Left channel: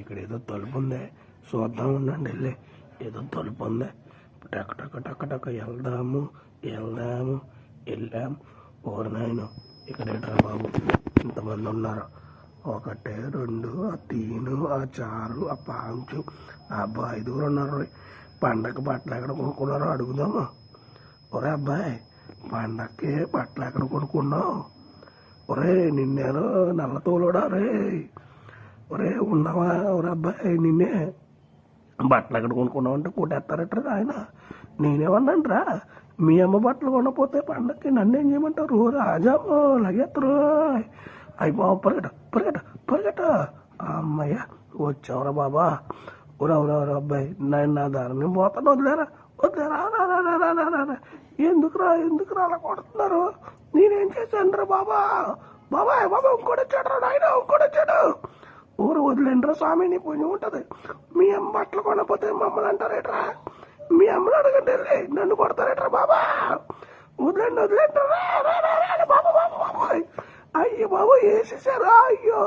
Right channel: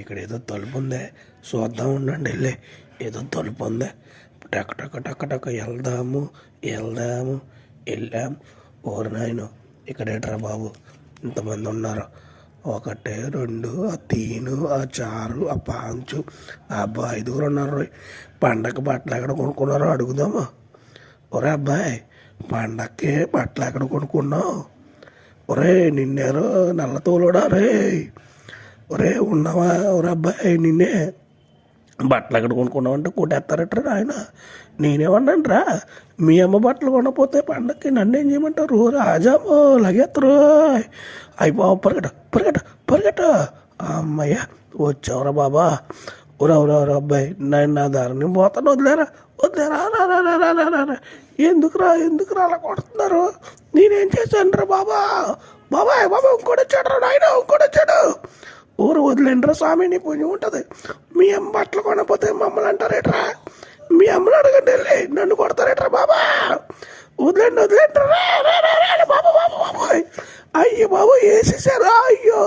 ఇక్కడ ఏదో తలుపు ఉంది, చూద్దాం ఉండండి. వెళ్ళి ఏదో తలుపు ఉంది, టక్ టక్ టక్ టక్ వెళ్దాము వెళ్దాము వెళ్ళాము. ఓరు నాయన ఇక్కడేట్రా బాబు ఇంతమంది ఉన్నారు. 1 2 ఆ 3 ఆ 4 ఆ 5 అబ్బాయి 5గురు ఉన్నారు. పండగకి బట్టలు ఎక్కడ కొనుక్కున్నారో అడుగుదాము. ఒరే అబ్బాయి, పండక్కి బట్టలు ఎక్కడ కొనుక్కున్నావు? ఒరే నిన్నేరో నల్ల తోలుడా రే. ఒరే ఉన్నావా? ఒరే అబ్బాయి నిన్నే బట్టలు ఎక్కడ కొనుక్కున్నావు అంటే కొట్టేస్తారట్రా ఆయన. నేనేమన్నాను రా, మీ అమ్మ బట్టలు కొనకపోతే పండక్కి నన్ను ఏం చేయమంటారు? రాజామో లగెత్తరు. అయిపో పరిగెట పరిగెట పరిగెట. అమ్మయ్య వచ్చావురా బాబా. ఒరా అబ్బాయి, నేను నా దారిని పోతాను, వదిలేరా వదిలేరా. ఎందుకురా అలా కొడుతున్నారు? నేనేం చేశాను రా బాబా? బాబాయ్ ఇంకోటి వచ్చాడు రా నాయన, ఇంకోటి వచ్చాడు. ఊరు వదిలేండ్రా స్వామి, నీ పుణ్యం ఉంటుంది. మీ అమ్మ బట్టలు కొనకపోతే మమ్మల్ని అంటారేట్రా? మీ అమ్మని అడగండి వెళ్ళి, నన్ను కొడతారేట్రా బాబా? వదిలేండి బాబా. అయ్యో బాబు వేసేసారా? అయ్యో.